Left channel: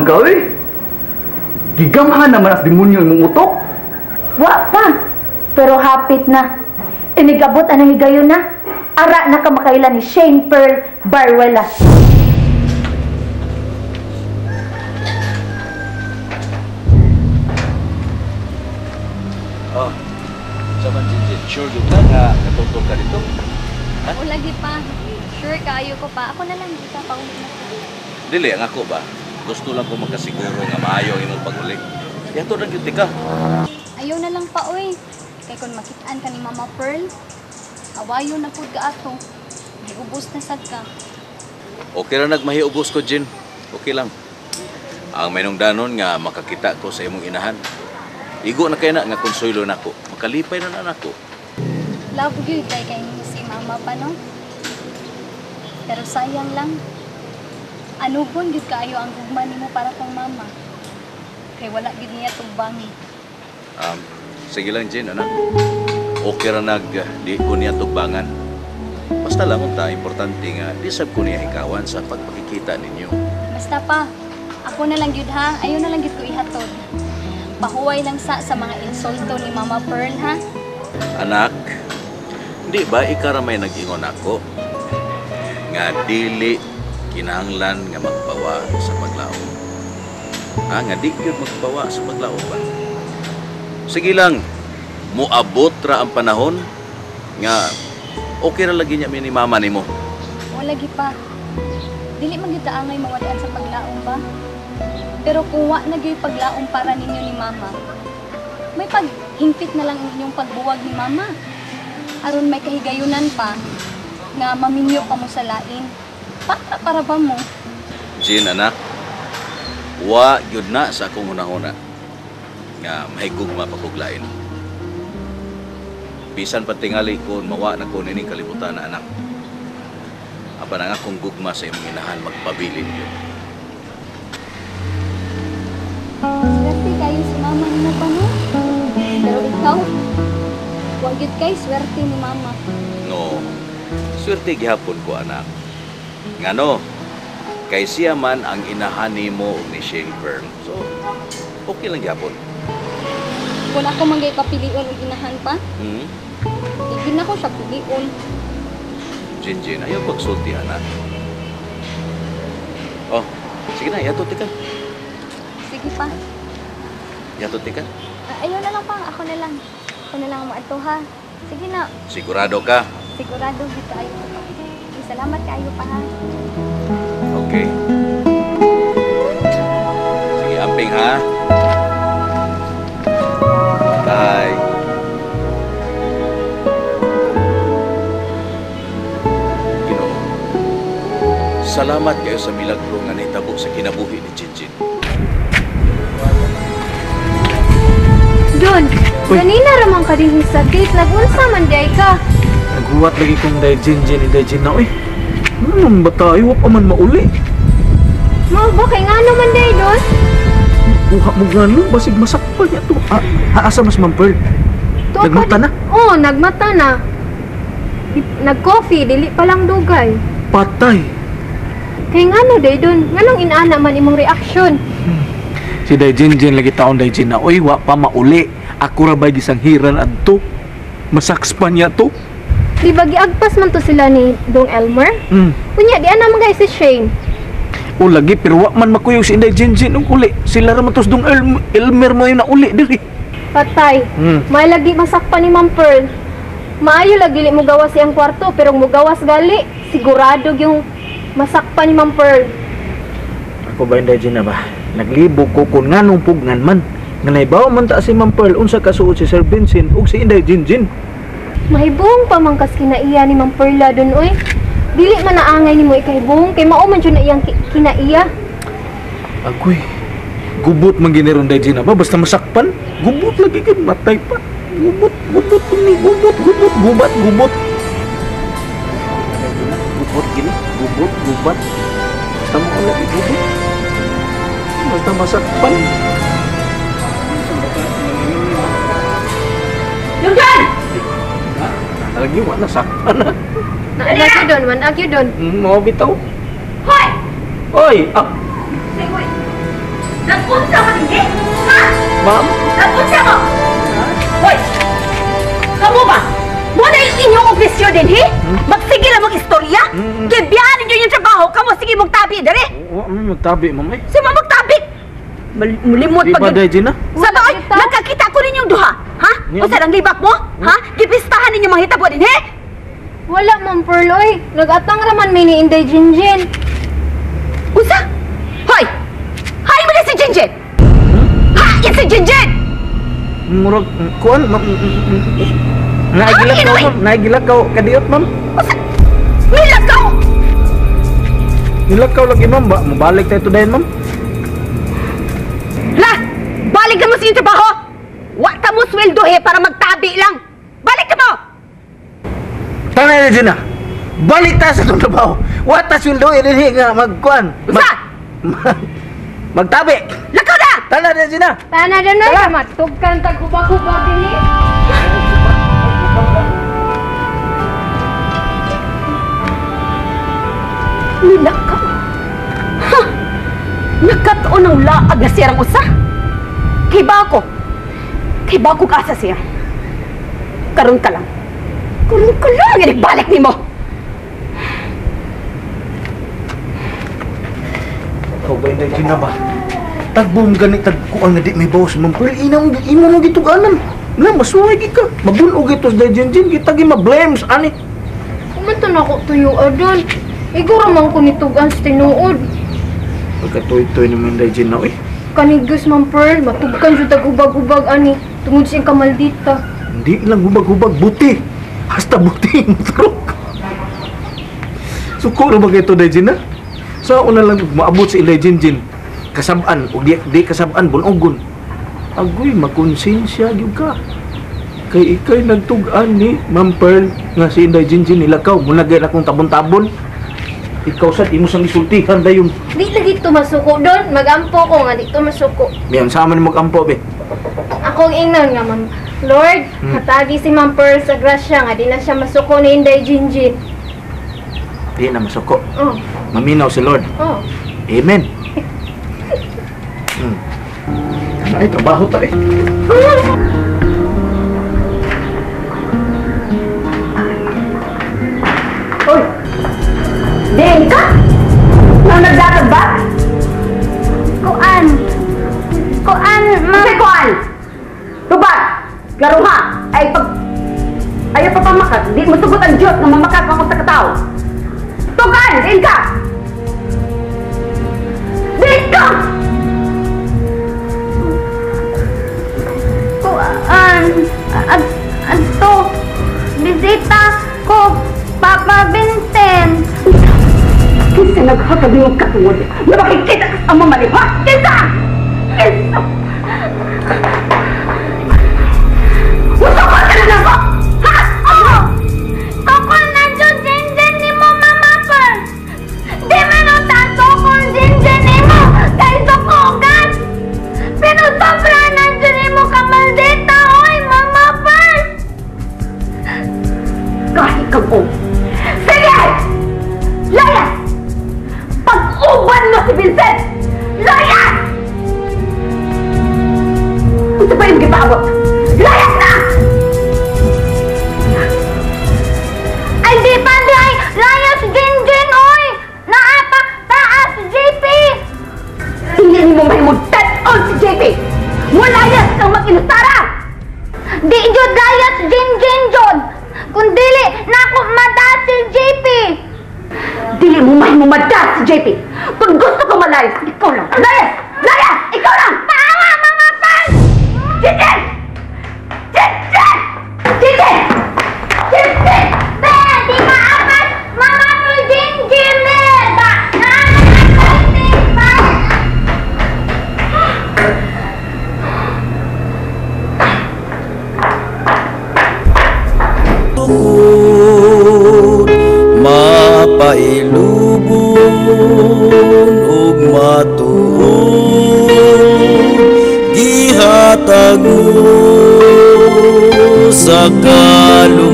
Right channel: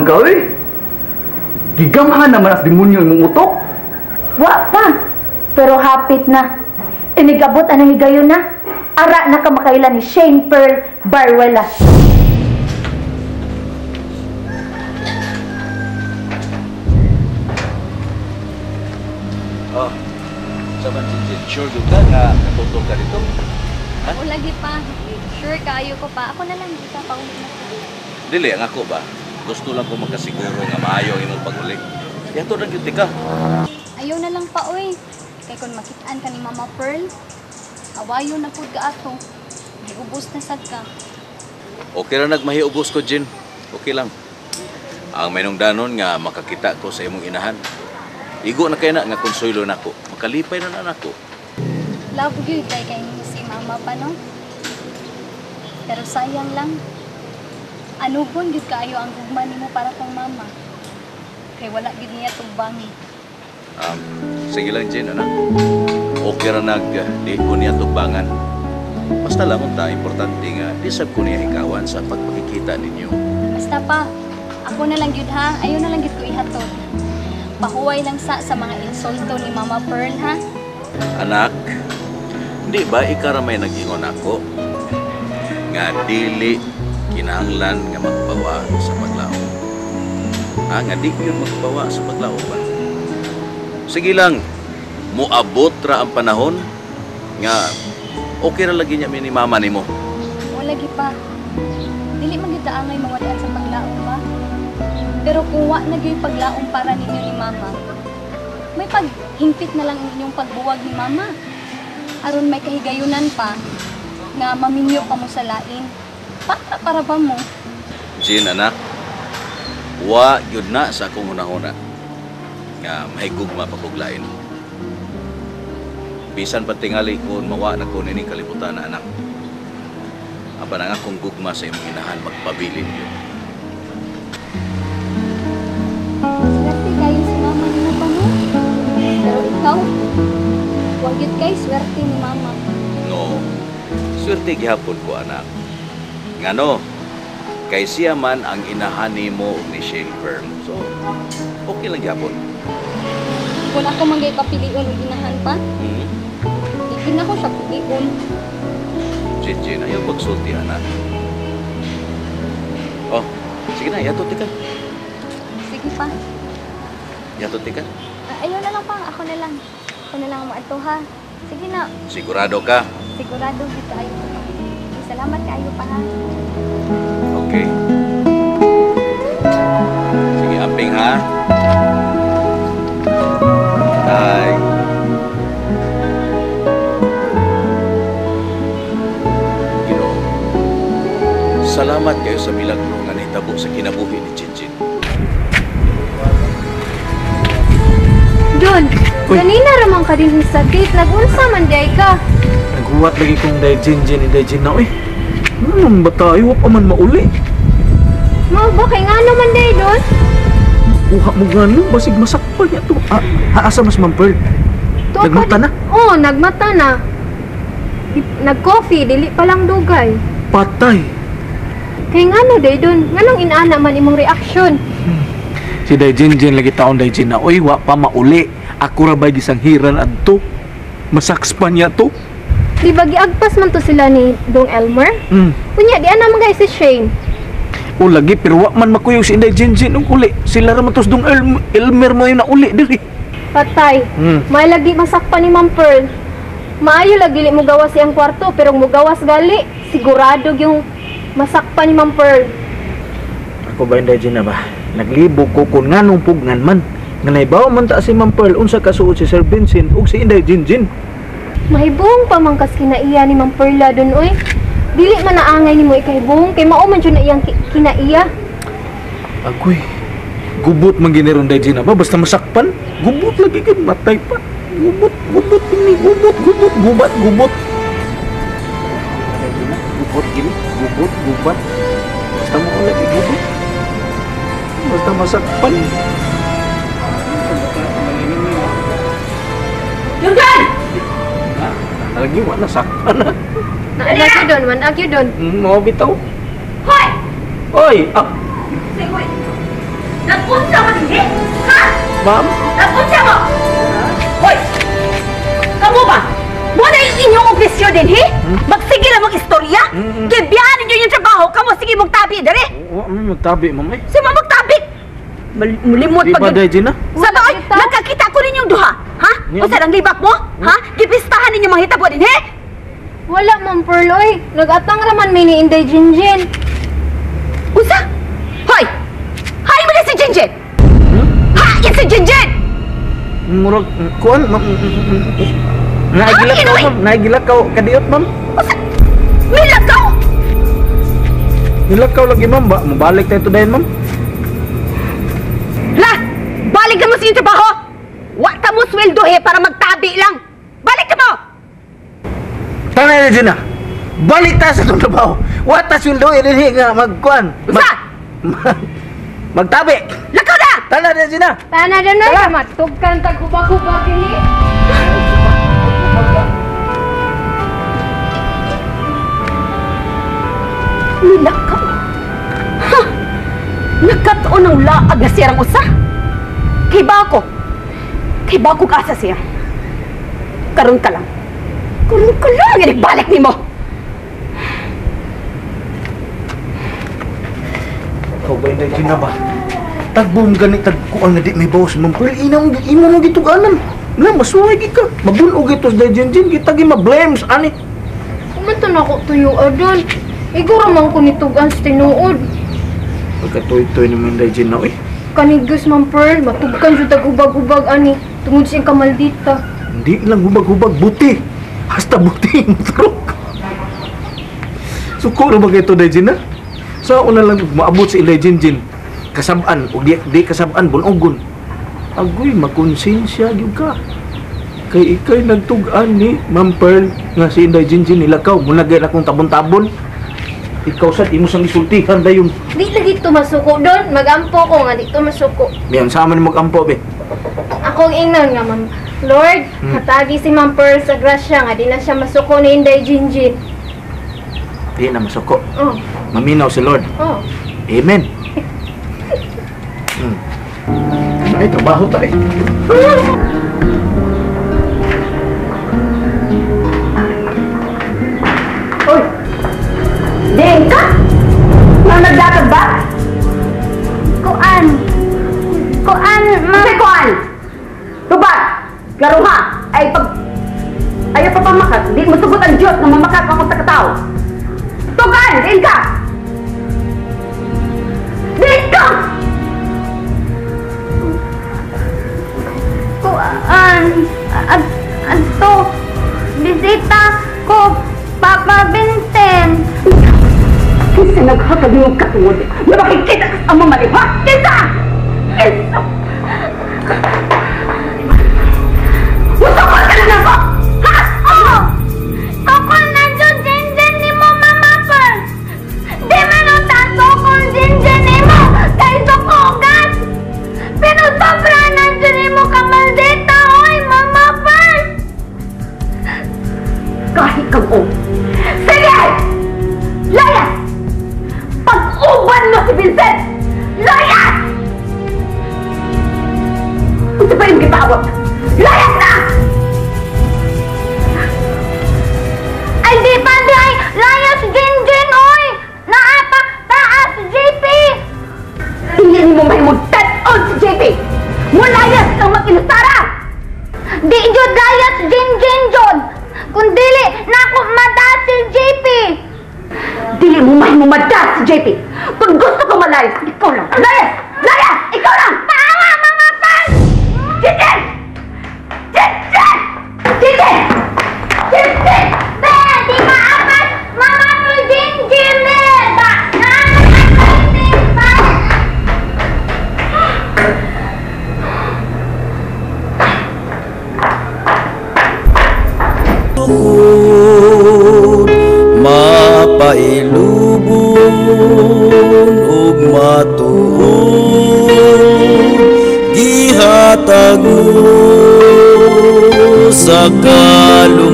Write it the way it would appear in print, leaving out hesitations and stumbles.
naman ka, eh. Gigamhan naman as demonyo imong utok. Wa pa. Pero hapit na. Inigabot anang higayon na. Ara na kamakailan ni Shane Pearl Barwela. Oh, saman Jinjin, sure doon ka nga katutol ka dito? Ha? O lagi pa. Sure kayo ko pa. Ako na lang dito pa ulit na. Dili, ang ako ba? Gusto lang ko magkasiguro nga maayo ang imong pag-ulik. Yato na gyud ka. Ayaw na lang pa, oy. Kay kung makitaan ka ni Mama Pearl, awayo na pud ka ato. Giubos na sad ka. Okay ra nagmahiubos ko, Jin. Okay lang. Ang mainungdanon nga makakita ko sa imong inahan. Igo na kay na nga konsuelo nako. Makalipay na nako. Love you, kay si Mama pa, no? Pero sayang lang. Ano bon gid kaayo ang gugma nimo para kang mama. Kay wala gid niya tubangi. Sige lang, Jin, anak. Okay ra di ko niya tugbangan. Basta lang unta importante nga di sab ko niya ikawan sa pagpakikita ninyo. Basta pa, ako na lang gyud ha. Ayaw na lang gyud ko ihatod. Pahuway lang sa mga insulto ni Mama Pearl, ha? Anak, di ba ikaramay nag-ingon ako nga dili kinahanglan nga magbawa sa paglaom. Nga di gyud magbawa sa paglaom ba? Sige lang, muabot ra ang panahon nga okay ra lagi niya ni mama nimo. Wala gi pa. Dili man gyud ta angay mawadaan sa paglaom ba? Pero kung wa na gyud paglaom para ninyo ni mama, may paghingpit na lang inyong pagbuwag ni mama. Aron may kahigayunan pa nga maminyo pa mo sa lain. Para ba mo? Jin, anak, wa gyud na sa akong hunahuna nga mahigugma paguglain. Bisan patingali ko mawa na ko nining kalibutan na anak. Aba na nga kung gugma sa imong inahan magpabilin yun. Swerte kayo si mama nimo pa, no? Pero ikaw, wa gyud kay swerte ni mama. No, swerte gihapon ko, anak. Ngano, kay siya man ang inahani mo ni Shane Pearl. So, okay lang gihapon. Kung ako manggay papilion og inahan pa, Hmm? hindi na ko siya pilion. Jin, ayaw pagsulti, anak. Oh, sige na, yato ka. Sige pa. Yato ka. Ayaw na lang pa, ako na lang. Ako na lang maato, ha. Sige na, Sigurado ka? sigurado dito ayo. Salamat kayo pa, ha. Okay. Sige, amping ha. Bye. Ginoo, salamat kayo sa milagro nga nahitabo sa kinabuhi ni Jinjin. Don, ganina ramang ka din sa date. Nag-unsa man day ka. Naghuwat lagi kong Jinjin na, eh. Anong bata, iwa pa man mauli. Mo ba kay ngano man day Don? Kuha mo gano'n, basig masakpan niya to. Asa mas Pearl? Nagmata na? Oo, nagmata na. Nag-coffee, dili pa lang dugay. Patay. Kay ngano day Don? Nganong inaana man imong reaksyon? Si Jinjin lagi taon na, oy, wa pa mauli. Ako ra ba gisang hiran adto? Masaks pa niya to. Di ba giagpas man to sila ni Dong Elmer? Unya, di ana man guys si Shane. O lagi, pero wa man makuyog si Jinjin ng uli. Sila ra matos Dong Elmer mo yung nauli diri. Patay. May lagi masakpan ni Ma'am Pearl. Maayo lagi li mo gawas siyang kwarto, pero mo gawas gali, sigurado yung masakpan ni Ma'am Pearl. Ako ba yung Jinjin na ba? Naglibog ko kung nganong pugnan man. Nga naibaw man ta si Ma'am Pearl unsa kasuot si Sir Vincent ug si Inday Jinjin. Mahibong pamangkas kinaiya ni Ma'am Perla dun, oy. Dili man naangay ni mo ikahibong, kay mao man dyan na iyang kinaiya. Agoy, gubot man giniron Jinjin na ba? Basta masakpan, gubot lagi kan matay pa. Gubot ini, gubot. Gubot gini, gubat. Basta mo ka lagi gubot. Basta masakpan. Lugan! Lagi wala sakpan na. Managyo don. Mau bitaw. Hoy! Oy, Say, hoy! Nag-unsa mo hindi? Ha? Ma'am? Nag-unsa mo? Hoy! Kamu ba? Muna yung inyong opisyo din, he? Magsige lang mong istorya? Gibiyahan ninyo yung trabaho, kamu sige mong tabi, dali! Oo, magtabi, ma'am eh. Si ma'am magtabi! Mulimot Di ba, pag... Day Gina? Sa doon, nagkakita ko rin yung duha, ha? Yeah. O sa ang libak mo, ha? Gipistahan ninyo mga hitabo din, he? Wala, Ma'am Pearl, oy. Nag-atang raman may ni Inday Jinjin. Usa? Hoy! Hay mo na si Jinjin! Ha? Yan si Jinjin! Murag, kuan, ma'am. Naigilak Ano, ka, Inoy? ma'am. Naigilak ka, kadiyot, ma'am. Usa? Nilagaw! Nilakaw lagi, ma'am. Mabalik tayo to dahin, ma'am. La! Balikan mo sa iyong trabaho! Wata mo sweldo, he, para magtabi lang! Balik ka mo! Tanay na, Gina. Balik tayo sa itong trabaho. Wata sweldo, ilini nga, magkuan. Usa? Magtabi. Lakaw na! Tanay na, Gina. Tana na na, matugkan tagubag-ubag din eh. Nilakaw! Ha! Nagkataon ng laag na siyang usa! Kay ba ko kaasa siya. Karon ka lang. Balik ni mo! Ikaw ba yung Gina ba? Tagbom ganit, tagkuan nga di may bawas, ma'am. Pero imo mo gituganan. Na, masuwag ka. Mabunog ito sa Jinjin. Kita gi ma-blames, ani. Kumantan ako tuyo adon. Iguro man ko nitugan sa tinuod. Pagkatoy-toy naman yung Gina, eh. Kanigos, Ma'am Pearl, matugkan sa tagubag-ubag ani. Tungod siyang kamaldita. Hindi lang hubag-hubag, buti. Hasta buti yung truk. Sukuro ba kayo ito, Gina? Sa una lang maabot sa ilay Jinjin. Kasabaan, o di kasabaan, bunogon. Agoy, makonsensya gyud ka. Kay ikay nagtugan ni Ma'am Pearl nga si Inday Jinjin nilakaw. Muna gaya akong tabon-tabon. Ikaw sad, imo sang isultihan dayon. Di lagi ito masuko doon. Magampo ko nga dito masuko. Miyan, sama ni mag-ampo, be. Akong ingnan nga, Ma'am. Lord, hatagi si Ma'am Pearl sa grasya nga. Di na siya masuko ni Inday Jinjin. Di na masuko. Oh, Maminaw si Lord. oh. Amen. Ay, trabaho ta eh. Hoy! Diin ka? Nang nagdatag ba? Kuan, Kasi kuan! Tubat! Klaro ha! Ayaw pa pamakat. Di mo sugot ang Diyos na mamakat mo sa katao. Tukan! Diin ka! Diin ka! Ato, bisita ko, Papa Vincent. Kasi naghatag yung katungod na makikita ka sa mamali, ha? Kinsa! Kinsa! Gusto ko ka na lang ko! Ha? Oo! Tukol na dyan, Jinjin ni mo, Mama Pearl. Di man ang tatukol, Jinjin ni mo, kay sukugan. Pero sobra na dyan ni mo kamaldita, oy, Mama Pearl. Kahit kang sige! Layas! Pag-uban mo si Vincent! Layas! Ito pa yung gipabot? Layas na! Ay, di pa, di ay, layas, Jinjin, oy. Naapak, taas, JP. Hindi mo mahimutad on si JP! Mulayas kang mag-inustara! Di jud layas, Jinjin, jud. Kung dili, naku, mada si JP. Dili mo mahimumadas si JP! Pag gusto ko malayas, ikaw lang! Layas! Layas! Ikaw lang! Maawa, mga fans! Jinjin! Jinjin! Jinjin! Jinjin! Be, di maakas, mga Pearl, Jinjin, be. Ba, nakakalitin pa. Mapailubon ug matuod gihatag mo sa kaluluwa.